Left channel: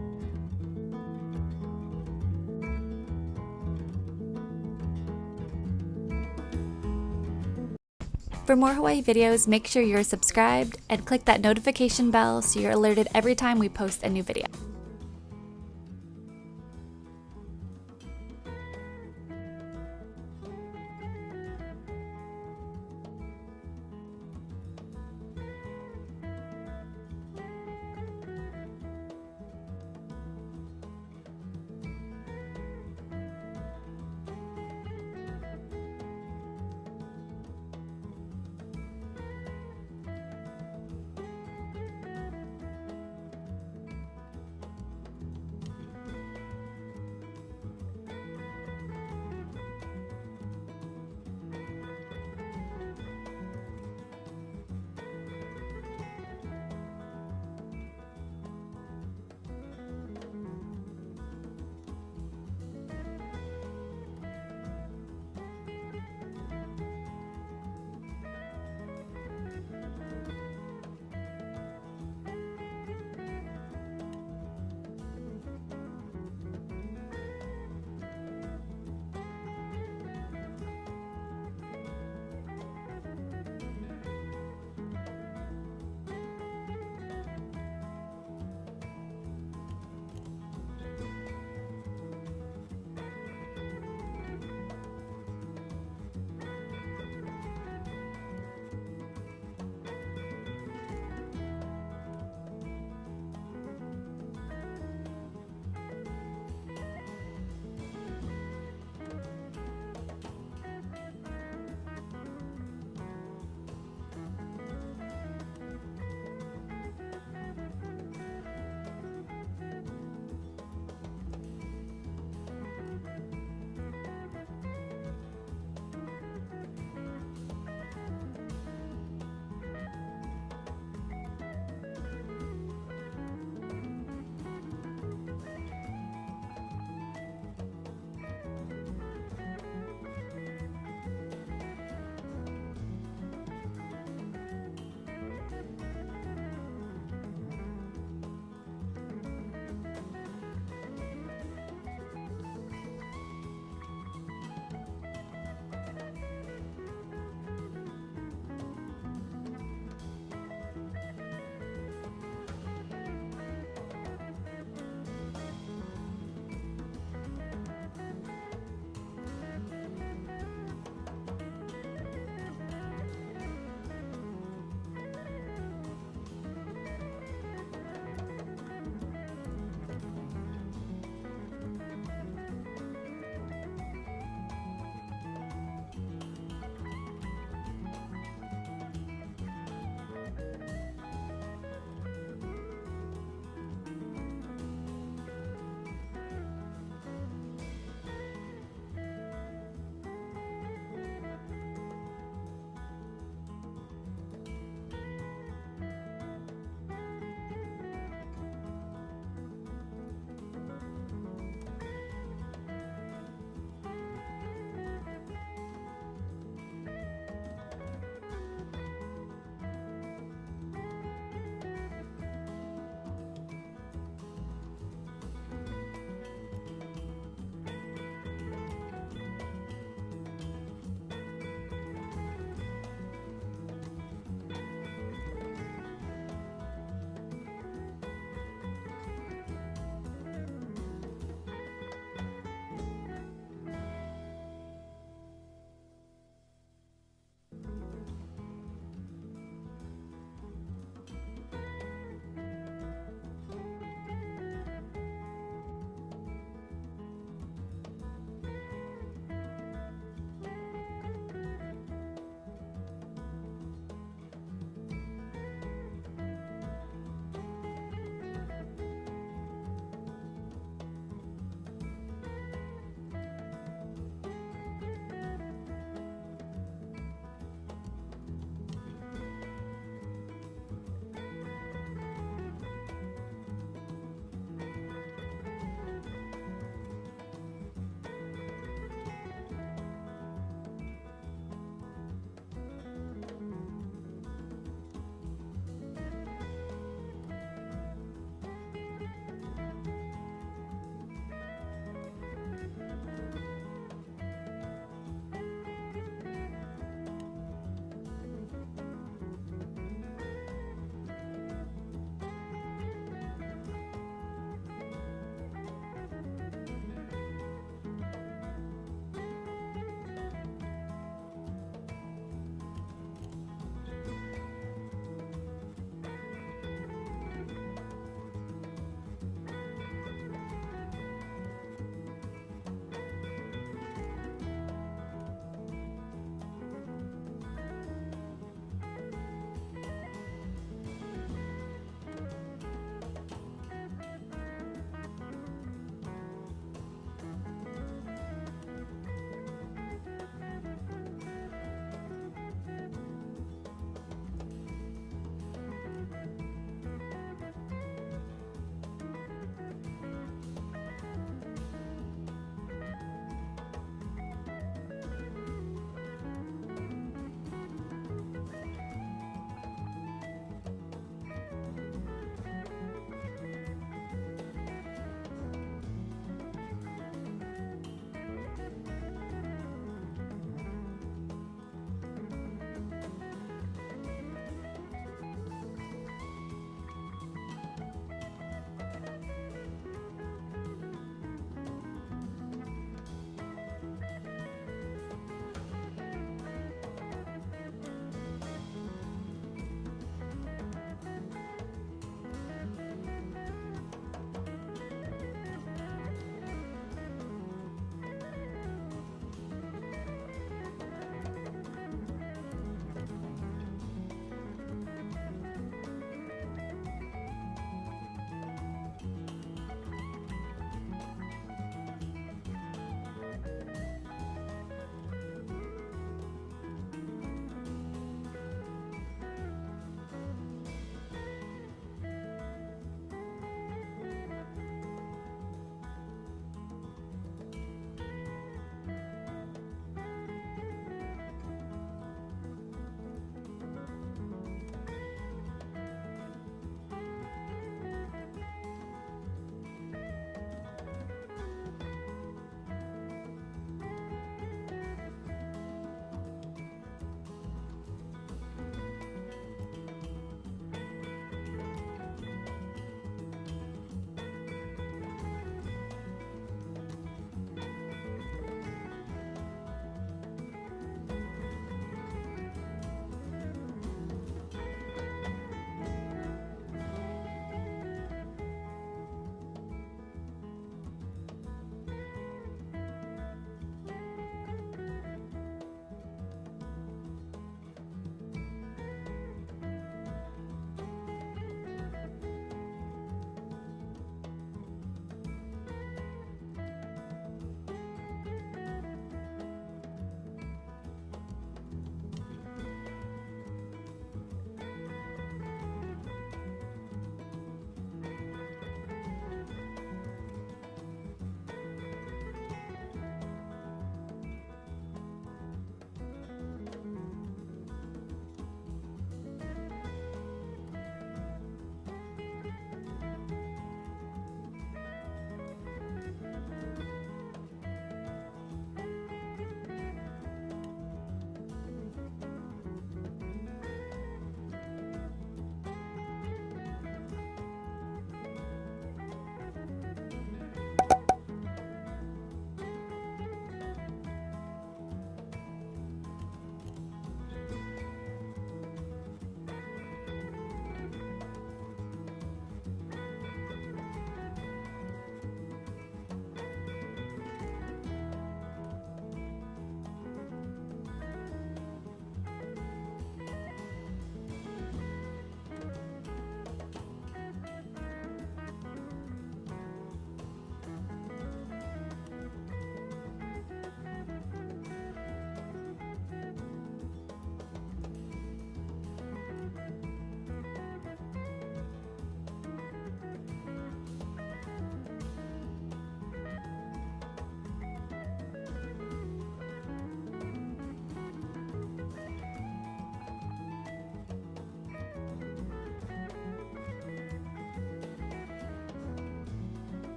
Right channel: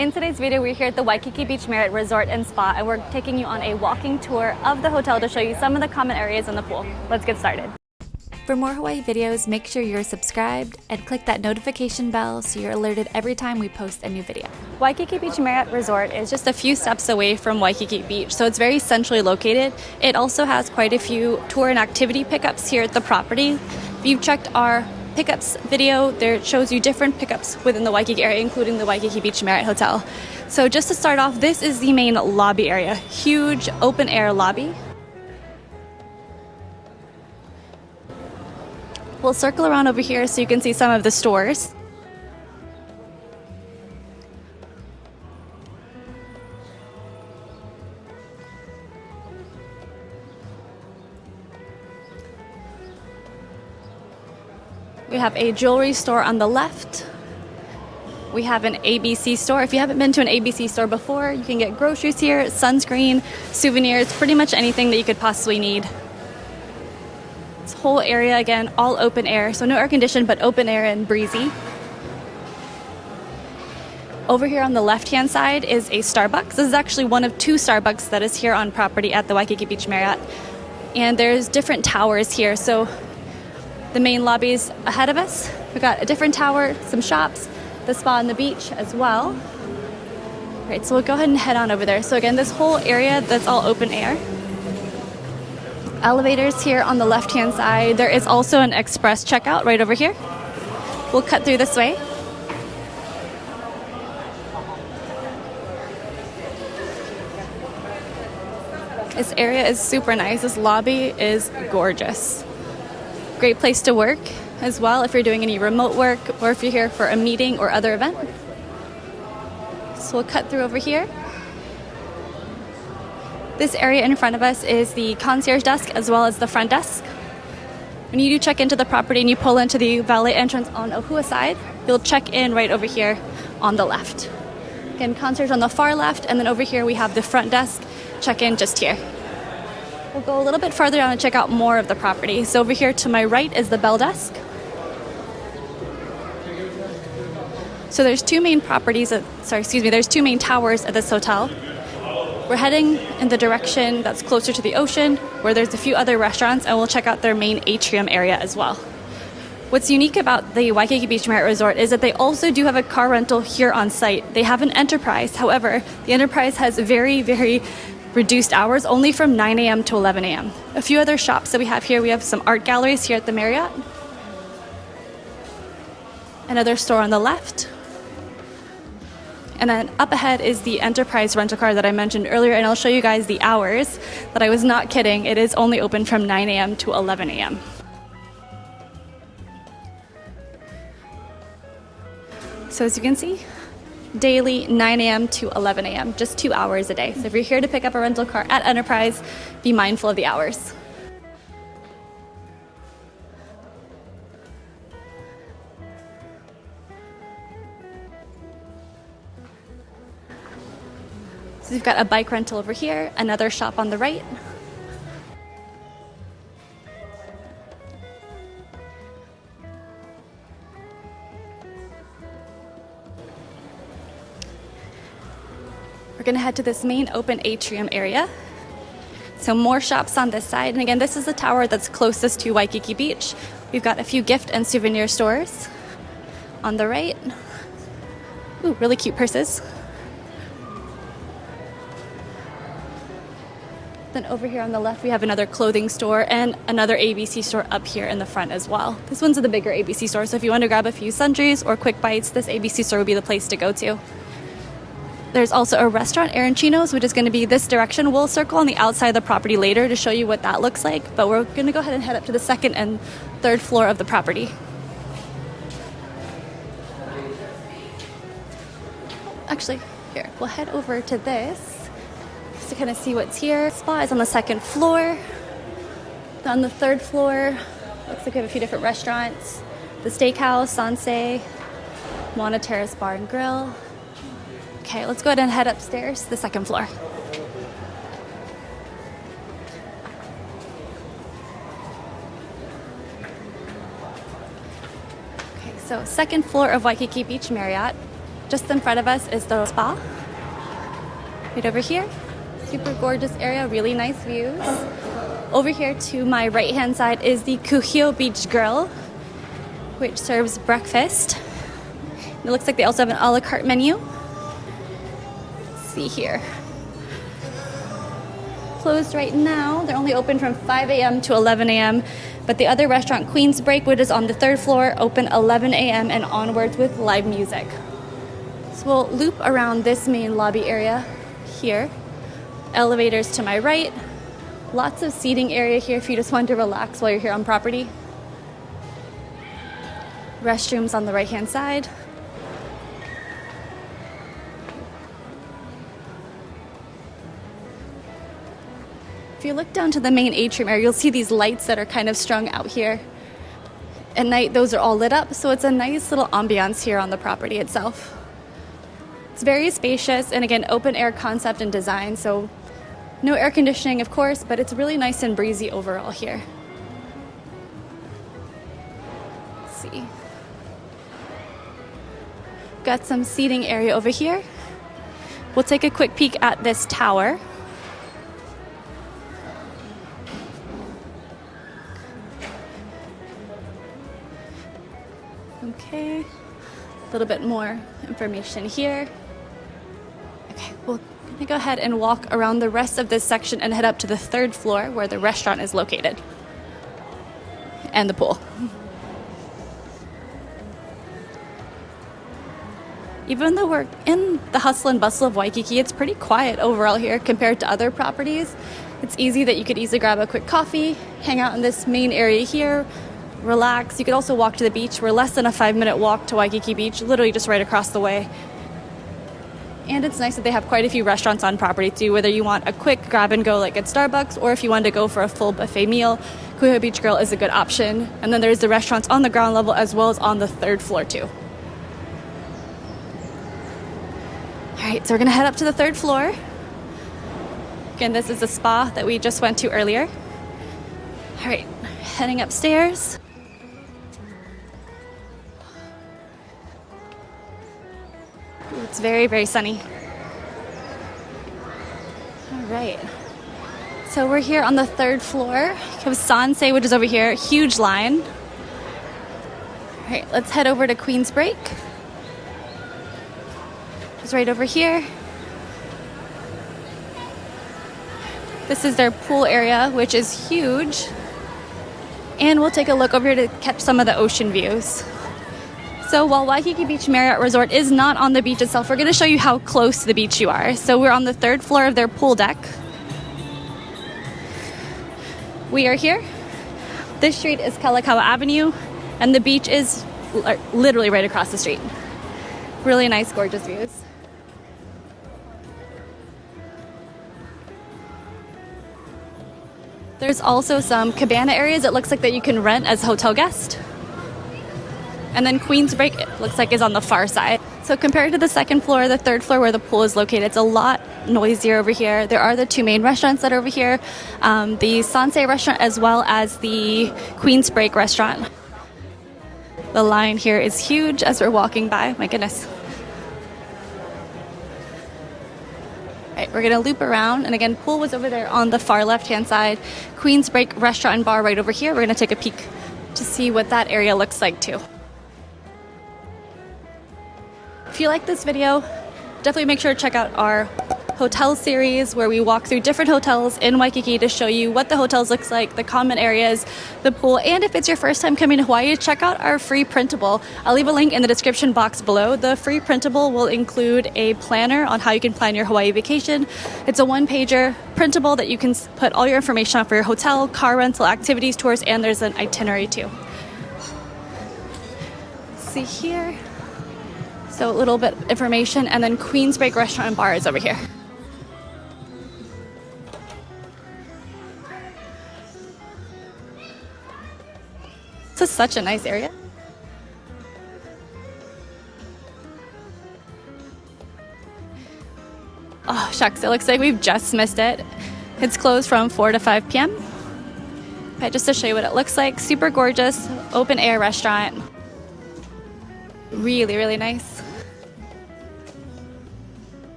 In today's video, we're here at the Waikiki Beach Marriott Resort and Spa, and we're taking you on a walking tour of the hotel to show you some of the common areas in the pool. Let's get started. For more Hawaii videos, make sure you're subscribed and click that notification bell so you're alerted every time we post a new video. Waikiki Beach Marriott Resort is just a few steps away from Waikiki Beach, so it's very centrally located. It also has quite a few tour and activity pickups here at the property. If you've checked our pickups video, there it shows you different pickups within the Waikiki area, including the Waikiki Beach Marriott Hotel. So just to start off, this is the main lobby area. Huge open air lobby. We'll circle around over here so you can see some of the stores. We have a jewelry store on the left. We have an ABC store. If you haven't been to an ABC store before, you can get groceries here, sunscreen, souvenirs, pretty much anything that you could possibly need. This whole area, again, all open air, so no air conditioned, but open air and breezy. Over here on the left-hand side is a Starbucks. This is actually one of two Starbucks that is here on property at the Waikiki Beach Marriott. And there's different towers here, so the main lobby's ahead of us. We've got a different tower, some shops, the spa and the beach as well. All right, so we'll go ahead and head on over there. So again, this whole area, that's all open air. Elevators here on the left-hand side. There is also an express checkout right over here. We'll cut through this way. This area is super nice. This lobby is gorgeous. Great place to work as well if you're doing any remote work or if you're here for a meeting or other event. So we'll cut through over here. This area in front of us is the concierge desk as well as the front desk. When you do check into the property and you pull into the valet entrance on Ohua side, you'll check in right over here on the left. Again, concierge on the far left, and then over here we have the front desk. Check in just here. We'll go a little bit farther down and check out more of the property. So over here to my right is the bell desk. So there's two main there's two main towers at this hotel. We're heading in the direction that's closer to the ocean, where there's a few other restaurants, and we'll check out their main atrium area as well. What's unique about the Waikiki Beach Marriott Resort is that they also do have a car rental here on site. They have an Enterprise. However, the Enterprise has very, very reduced hours, only from 9 a.m. to 11 a.m. A few other shops that we have here. We have some art galleries here at the Marriott. Another store on the left. And then up ahead is the Enterprise rental car that I mentioned earlier, and I'll show you guys the hours, but I was not kidding. It is only open from 9 a.m. to 11 a.m. So as you can see, daily 9 a.m. to 11 a.m., just 2 hours a day. So if you're here to pick up a rental car at Enterprise, be mindful of the hours. So we've got a bike rental over here, another shop on the right. We're gonna head to this main open atrium area. So more shops on this side. And again, this is the tower that's closest to Waikiki Beach. We've got a few gift and souvenir stores on the right. Ooh, really cute purses. Then over here on the left, we have another clothing store and another ABC store up here in the front as well. This one's the bigger ABC store, so if you want to grab a few sundries or quick bites, this ABC store would be the place to go to. There's also a restaurant, Arancino's, which is going to be this direction. We'll circle on the outside of the property later to show you what that looks like, but we're going to go ahead and head up to the second and third floor of the property. Actually, here, we'll head over to this to kind of see what's here. Spa is on the second floor. On the third floor, looks like we have a few different restaurants. The Steakhouse, Sanse, Moana Terrace Bar and Grill. Okay, let's go ahead and head upstairs to the second floor. Okay, so second floor of Waikiki Beach Marriott. Just in front of us is the spa. Right over here. Super gorgeous area, really nice views. Over here to my right-hand side is the KUHIO Beach Grill, which serves breakfast. It looks like they also have an a la carte menu. Let's see here. Closed right now. They're only open from 5 a.m. to 11 a.m. But the other restaurant, Queensbreak, which is on the 3rd floor, open 11 a.m. and onwards with live music. So we'll loop around this main lobby area here. Elevators to my right. Lots of seating area here if you just want to relax while you're here on property. Restrooms on the right-hand side. If you look down to the main atrium area, you'll see these lights that are kind of strung out here. At night, those are all lit up, so it's a nice little ambiance here on the property itself. It's very spacious, and again, open air concept and design, so no air conditioning, of course, but it's really nice and breezy overall here. Let's see. Got some seating area over here. We'll take a quick peek at this tower. Okay, a little bit more information here. Okay, we're gonna go ahead and walk around the rest of this section and head up to the 3rd floor where the restaurant is located. And the pool. Even though we're in the hustle and bustle of Waikiki, it's pretty quiet overall here compared to other properties. It's easy that you could easily grab a quick coffee, hang out in this main area here, relax. You could also walk to the beach. We're less than a 5-minute walk to Waikiki Beach, literally just right across the way. And it's nice that they have quite a few restaurants on property too, whether you want a quick grab and go like at Starbucks or if you want to go for a full buffet meal, KUHIO Beach Grill is a good option. And then there's the restaurants on the ground level as well as on the 3rd floor too. All right, so we're gonna head up to the 3rd floor. Again, this is the spa that we just went to earlier. All right, heading upstairs. It's very, very sunny. All right. So we're here on the 3rd floor. We have Sansei, which is over here. Huge line. All right, let's head over to Queensbreak. It's right over here. This is their pool area, which is huge. And we'll take a look over here to catch some of the ocean views. So while Waikiki Beach Marriott Resort is not on the beach itself, we're going to show you how close to the beach you are. So we're on the 3rd floor of their pool deck. We are here. This street is Kalakaua Avenue, and the beach is literally right across the street. Really nice, gorgeous views. There's also some cabana areas it looks like that you can rent as a hotel guest. And then Queensbreak, it looks like, is on the far side. So compared to the 2nd floor, the 3rd floor where the pool is located, it's a lot noisier over here. There are the 2 main restaurants that are over here, the Sansei restaurant as well as the Queensbreak restaurant. The line here is huge as we're walking by. My goodness. All right, we're gonna loop around, and again, pool was over there on the far left-hand side. Queensbreak restaurant and bar right over here. We're gonna take a peek to see what that area looks like too. If you like this video, definitely make sure to check out our hotel series where we walk through different hotels in Waikiki to show you what the hotels looks like, the common areas, the pool, and if it's your first time coming to Hawaii, check out our free printable. I'll leave a link in the description box below. The free printable will include a planner on how you can plan your Hawaii vacation. It's a 1-pager printable that you can put all your information on for your hotel, car rental, activities, tours, and there's an itinerary too. Let's see here. So a little bit of information, and then Queensbreak restaurant and bar is over here. This is such a nice area. Oh, shucks, it looks like we've just missed it. It's closed from 4 to 5 p.m. But just to show you what it looks like, super gorgeous, open air restaurant. Really, really nice.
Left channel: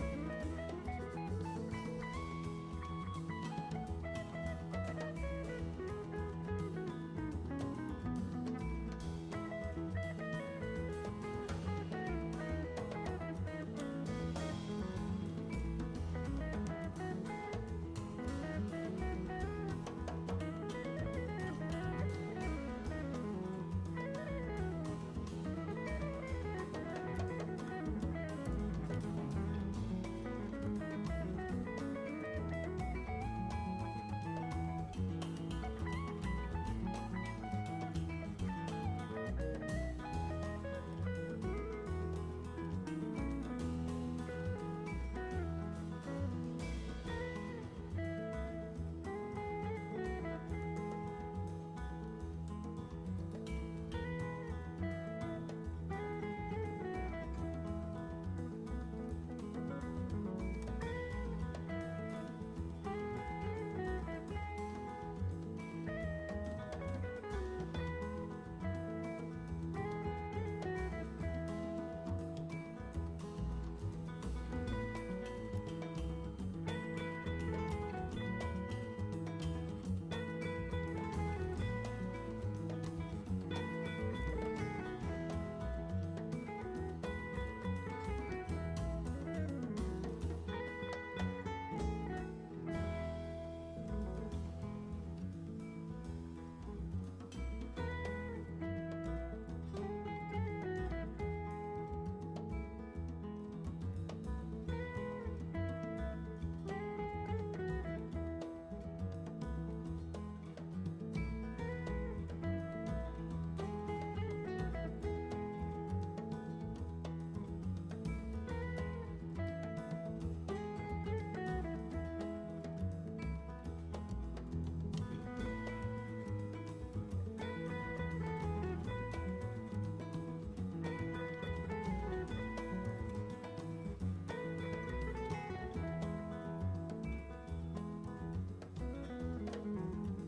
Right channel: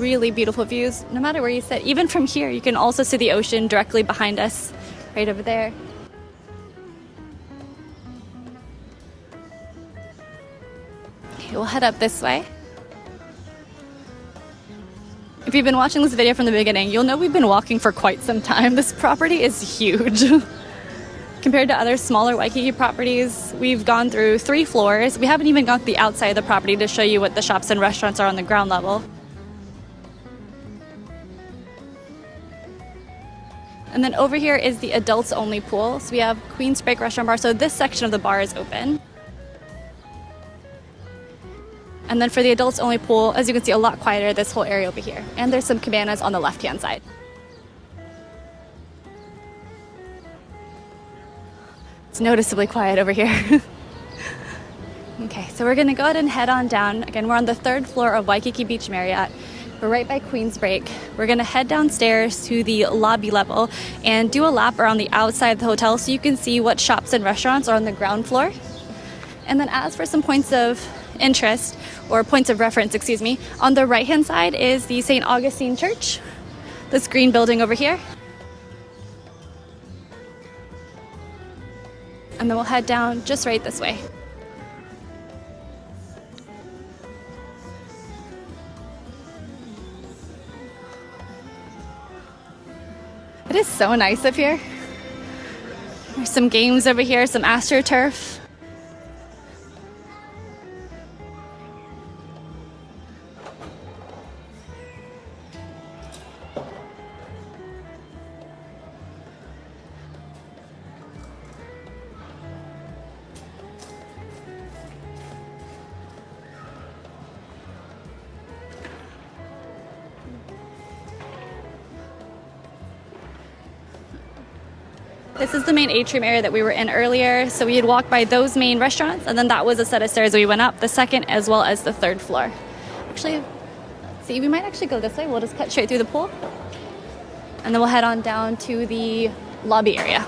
Really beautiful views, no matter where you sit. Even from here, you can also see the ocean directly behind us, right over there. Okay, we'll head up this way. If you've been watching this video from the beginning, you'll know we've been walking for quite some time. This property is huge. Compared to other smaller Waikiki properties, we've gone through 3 floors. We haven't even gone to the outside of the property to show you what the shops and restaurants are on the ground level. And then over here is the adults only pool. So we have Queensbreak restaurant bar. So this section of the bar is open. And then for the adults only pool, as you can see, a lot quieter, this whole area over here. And there's some cabanas on the left-hand side. It's noticeably quiet over here. Okay, so we're gonna go ahead and head on down. Again, we're on the 3rd floor of Waikiki Beach Marriott. We're right by Queensbreak. We're gonna head downstairs to the lobby level and do a lap around the outside of the hotel so you can see what shops and restaurants are on the ground floor. And then as for some points of interest, or points of reference, excuse me, on the right-hand side is the St. Augustine Church, this green building over here. And then we'll head down just right this way. It is so nice up here. There's some games over here, some AstroTurf. This is the main atrium area that we were in earlier. So we had walked by those main restaurants, and then that was a set of stairs we went up, the 2nd as well as the 3rd floor. Actually, let's see, we might actually go this way. We'll just cut straight through the pool. And then we'll head on down to the lobby area.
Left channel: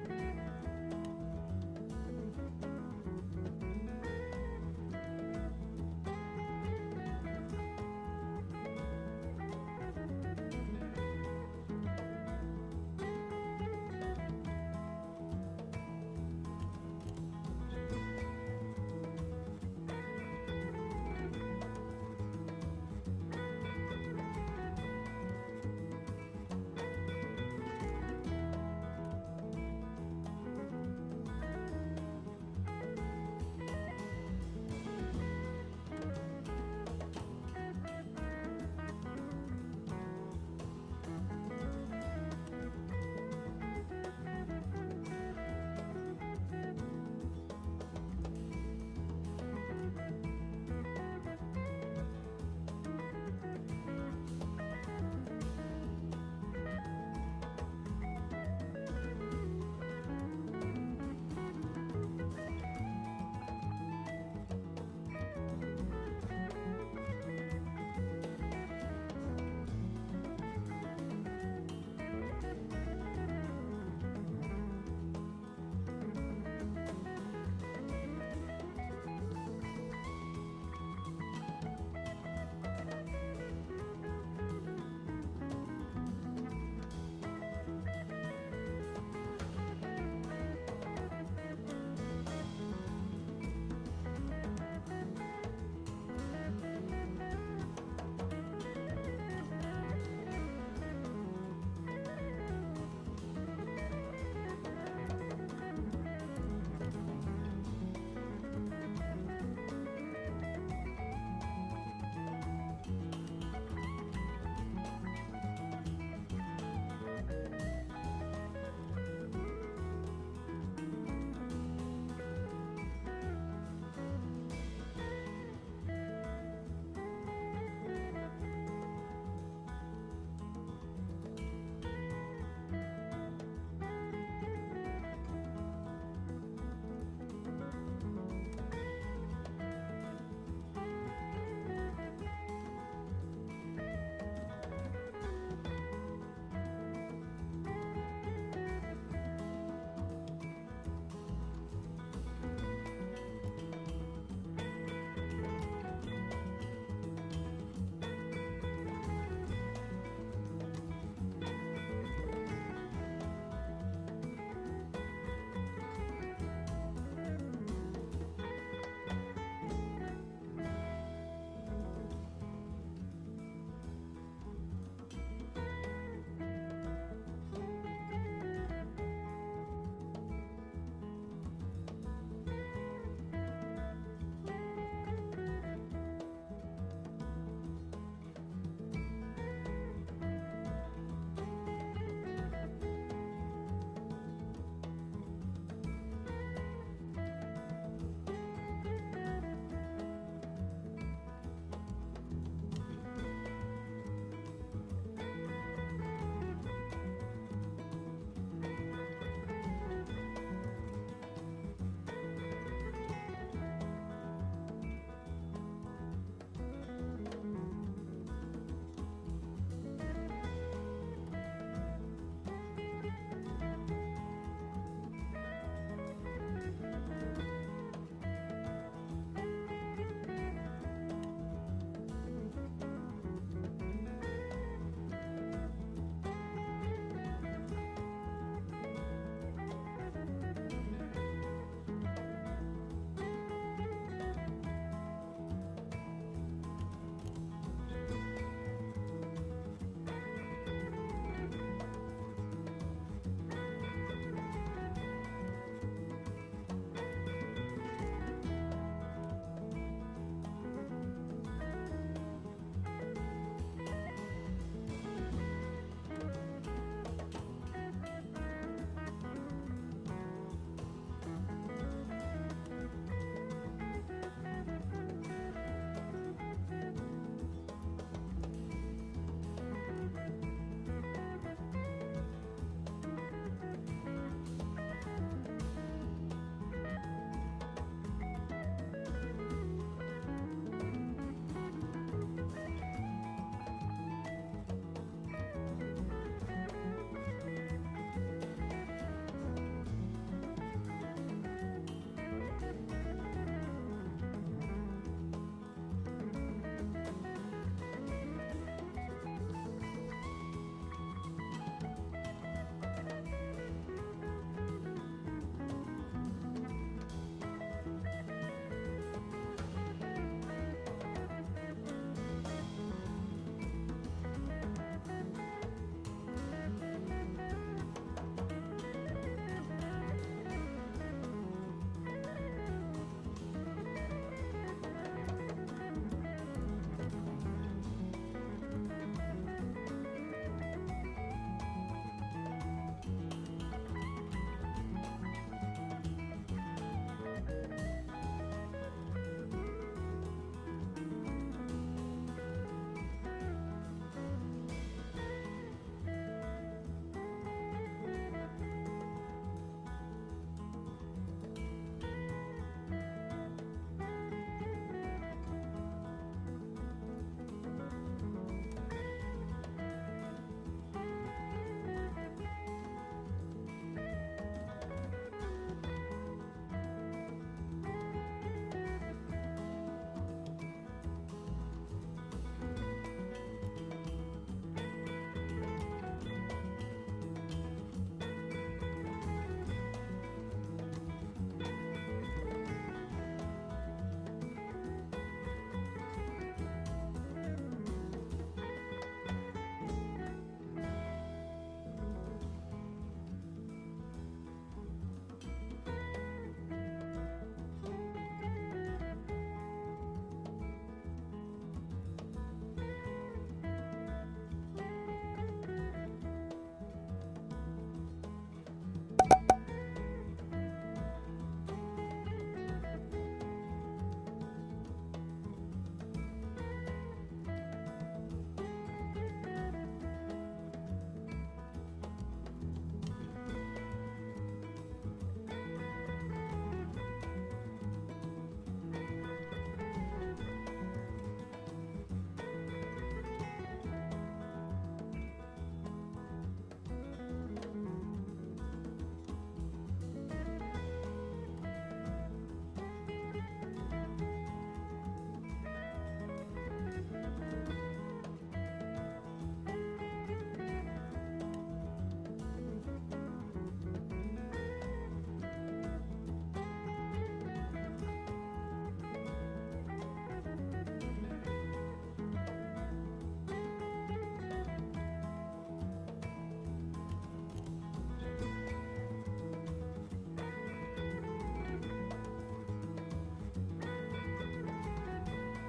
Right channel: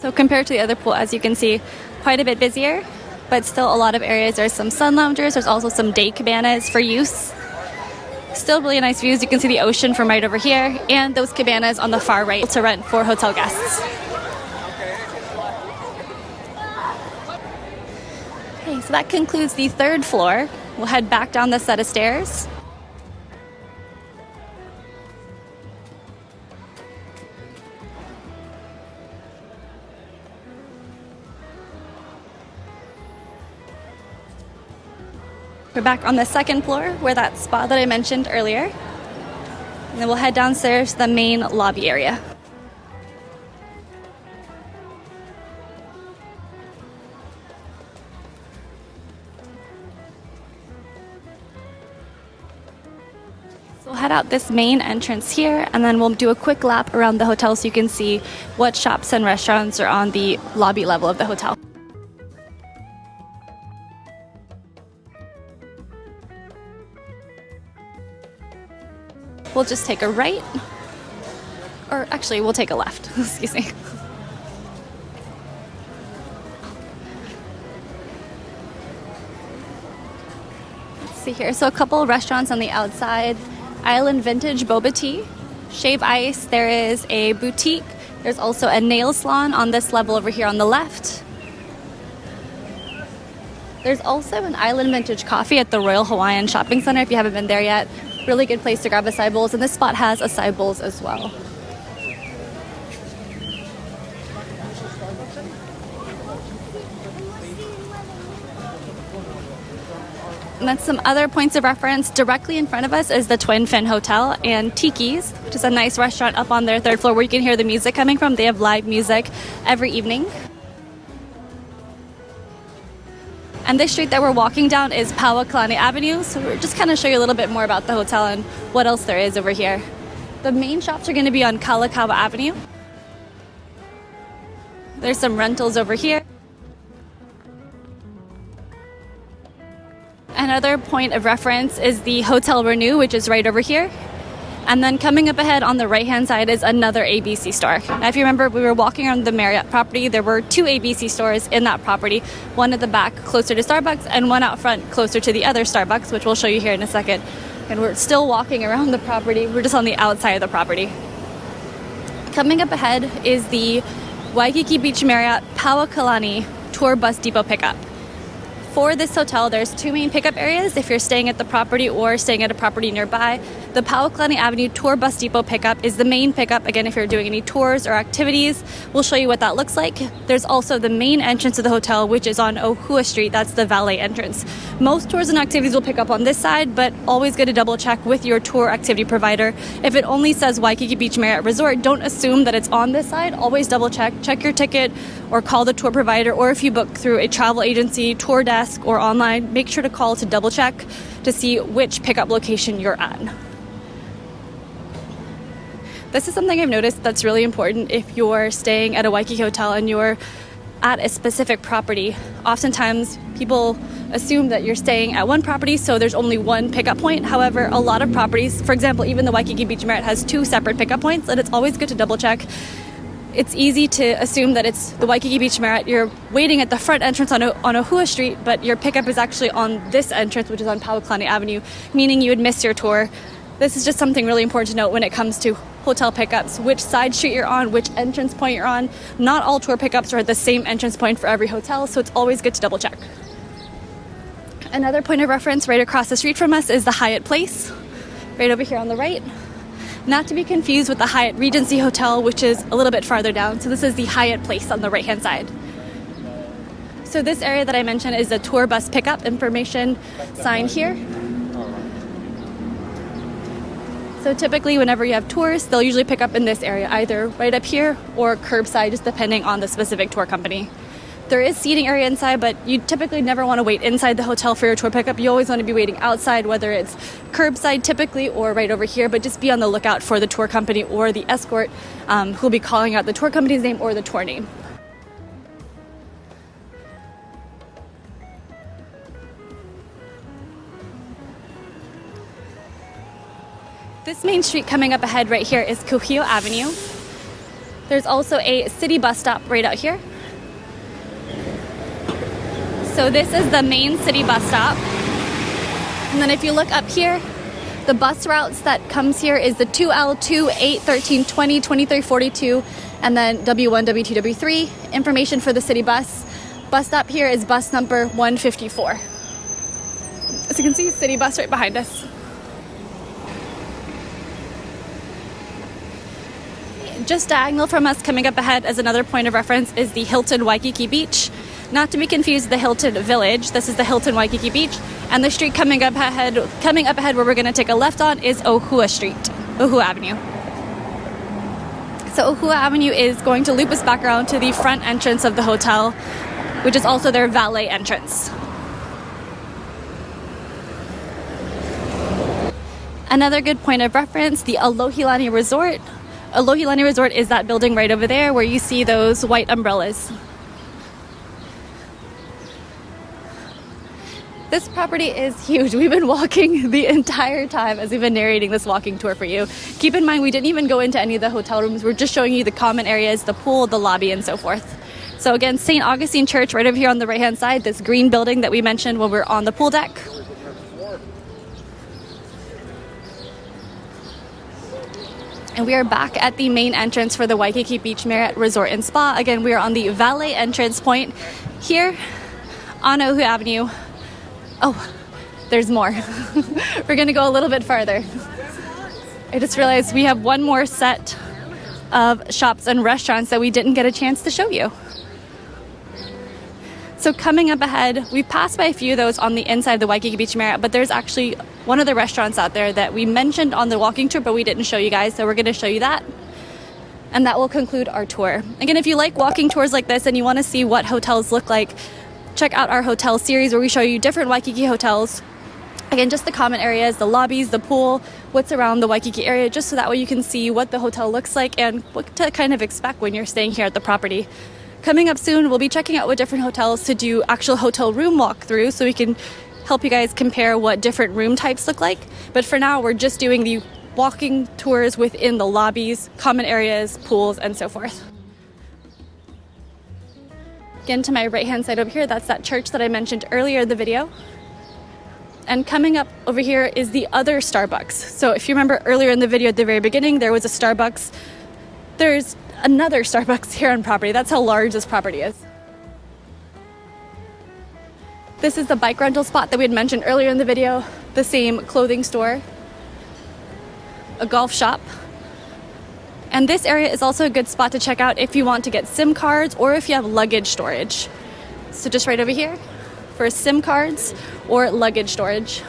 So compared to the other pool, as you can see, quite a bit busier, but still a lot of areas. There's some sun loungers, there's also some day cabanas for use. Still really nice views. You can see the ocean from right over here, and those cabanas on the far right to rent for hotel guests. Okay, so that concludes the 3rd floor. We'll head back down the set of stairs. We're back on the 2nd floor where that spa that I mentioned earlier. And then we'll head downstairs to the main lobby area. So we'll head out this main entrance here, and then we'll do a quick lap around the hotel so you can see what shops and restaurants are on the lobby level of the hotel. We'll just take a right, or actually we'll take a left, excuse me. Let's see here, so a couple restaurants on the outside. Island Vintage Boba Tea, Shave Ice, there is a boutique. There's also a nail salon on this level over here on the left. There's also an Island Vintage Coffee at the Royal Hawaiian Shopping Center if you haven't been there yet. Really good place to grab acai bowls, and this spot has acai bowls as well. And then some other points of reference. Directly in front of us is the Twin Fin Hotel and Tiki's, which is a nice restaurant up on their 3rd floor where you can hear the music coming from. They have live music every evening. And this street that we're walking down is Paoakalani Avenue, so we're just kind of show you a little bit more about the hotel and what else there is over here. The main shops are going to be on Kalakaua Avenue. There's some rentals over here. Another point of reference is the Hotel Renew, which is right over here. And then coming up ahead on the right-hand side is another ABC store. Now, if you remember, we were walking around the Marriott property. There were 2 ABC stores in that property, one at the back closer to Starbucks and one out front closer to the other Starbucks, which we'll show you here in a second. And we're still walking around the property. We're just on the outside of the property. Coming up ahead is the Waikiki Beach Marriott Paoakalani Tour Bus Depot pickup. For this hotel, there's 2 main pickup areas if you're staying at the property or staying at a property nearby. The Paoakalani Avenue Tour Bus Depot pickup is the main pickup. Again, if you're doing any tours or activities, we'll show you what that looks like. There's also the main entrance of the hotel, which is on Ohua Street. That's the Valet entrance. Most tours and activities will pick up on this side, but always get a double check with your tour activity provider. If it only says Waikiki Beach Marriott Resort, don't assume that it's on this side. Always double check. Check your ticket or call the tour provider, or if you book through a travel agency, tour desk, or online, make sure to call to double check to see which pickup location you're at. This is something I've noticed that's really important if you're staying at a Waikiki hotel and you're at a specific property. Oftentimes people assume that you're staying at one property, so there's only one pickup point. However, a lot of properties, for example, even the Waikiki Beach Marriott has 2 separate pickup points, and it's always good to double check. It's easy to assume that it's the Waikiki Beach Marriott. You're waiting at the front entrance on Ohua Street, but your pickup is actually on this entrance, which is on Paoakalani Avenue, meaning you would miss your tour. This is just something really important to note when it comes to hotel pickups, which side street you're on, which entrance point you're on. Not all tour pickups are at the same entrance point for every hotel, so it's always good to double check. Another point of reference right across the street from us is the Hyatt Place, right over here on the right. Not to be confused with the Hyatt Regency Hotel, which is a little bit farther down. So this is the Hyatt Place on the right-hand side. So this area that I mentioned is the tour bus pickup information sign here. So typically whenever you have tours, they'll usually pick up in this area, either right up here or curbside, just depending on the specific tour company. There is seating area inside, but you typically never want to wait inside the hotel for your tour pickup. You always want to be waiting outside, whether it's curbside typically or right over here, but just be on the lookout for the tour company or the escort who'll be calling out the tour company's name or the tour name. This main street coming up ahead right here is KUHIO Avenue. There's also a city bus stop right out here. So this is the main city bus stop. And then if you look up here, the bus routes that comes here is the 2L2, 8, 13, 20, 23, 42, and then W1, W2, W3. Information for the city bus. Bus stop here is bus number 154. As you can see, city bus right behind us. Just diagonal from us coming up ahead as another point of reference is the Hilton Waikiki Beach. Not to be confused with the Hilton Village. This is the Hilton Waikiki Beach. And the street coming up ahead where we're going to take a left on is Ohua Street, Ohua Avenue. So Ohua Avenue is going to loop us back around to the front entrance of the hotel, which is also their valet entrance. Another good point of reference, the Aloha Resort. Aloha Resort is that building right over there where you see those white umbrellas. This property is huge. We've been walking the entire time as we've been narrating this walking tour for you. Keep in mind, we didn't even go into any of the hotel rooms. We're just showing you the common areas, the pool, the lobby, and so forth. So again, St. Augustine Church right over here on the right-hand side, this green building that we mentioned when we're on the pool deck. And we are back at the main entrance for the Waikiki Beach Marriott Resort and Spa. Again, we are on the valet entrance point here on Ohua Avenue. Oh, there's more. We're gonna go a little bit farther. I just realized we have one more set of shops and restaurants that we didn't get a chance to show you. So coming up ahead, we've passed by a few of those on the inside of the Waikiki Beach Marriott, but there's actually one of the restaurants out there that we mentioned on the walking tour, but we didn't show you guys, so we're gonna show you that. And that will conclude our tour. Again, if you like walking tours like this and you wanna see what hotels look like, check out our hotel series where we show you different Waikiki hotels. Again, just the common areas, the lobbies, the pool, what's around the Waikiki area, just so that way you can see what the hotel looks like and what to kind of expect when you're staying here at the property. Coming up soon, we'll be checking out what different hotels to do actual hotel room walkthroughs so we can help you guys compare what different room types look like. But for now, we're just doing the walking tours within the lobbies, common areas, pools, and so forth. Again, to my right-hand side over here, that's that church that I mentioned earlier in the video. And coming up over here is the other Starbucks. So if you remember earlier in the video at the very beginning, there was a Starbucks. There's another Starbucks here on property. That's how large this property is. This is the bike rental spot that we had mentioned earlier in the video. The same clothing store, a golf shop. And this area is also a good spot to check out if you want to get SIM cards or if you have luggage storage. So just right over here for SIM cards or luggage storage.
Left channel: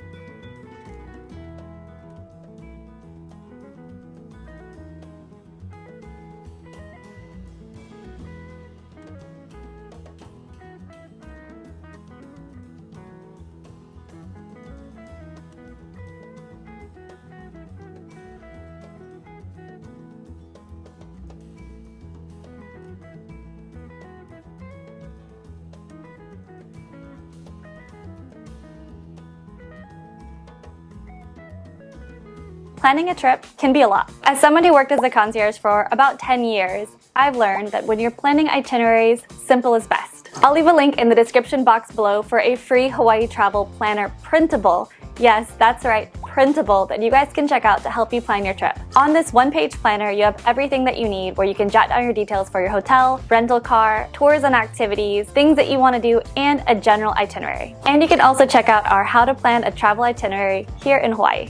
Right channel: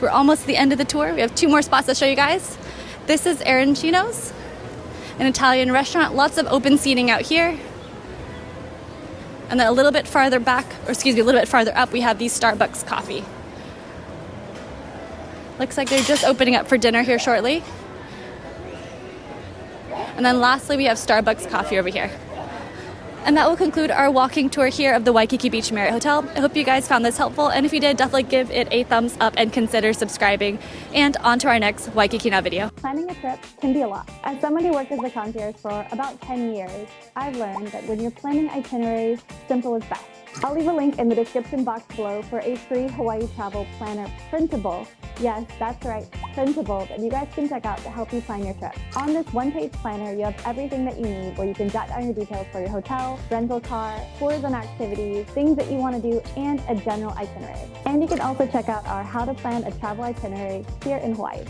We're almost at the end of the tour. We have 2 more spots to show you guys. This is Arancino's, an Italian restaurant. Lots of open seating out here. And then a little bit farther back, or excuse me, a little bit farther up, we have the Starbucks coffee. Looks like they're just opening up for dinner here shortly. And then lastly, we have Starbucks coffee over here. And that will conclude our walking tour here of the Waikiki Beach Marriott Hotel. I hope you guys found this helpful, and if you did, definitely give it a thumbs up and consider subscribing. And on to our next Waikiki Now video. Planning a trip can be a lot. As someone who worked as a concierge for about 10 years, I've learned that when you're planning itineraries, simple is best. I'll leave a link in the description box below for a free Hawaii travel planner printable. Yes, that's right, printable, that you guys can check out to help you plan your trip. On this one-page planner, you have everything that you need, where you can jot down your details for your hotel, rental car, tours and activities, things that you want to do, and a general itinerary. And you can also check out our How to Plan a Travel Itinerary here in Hawaii.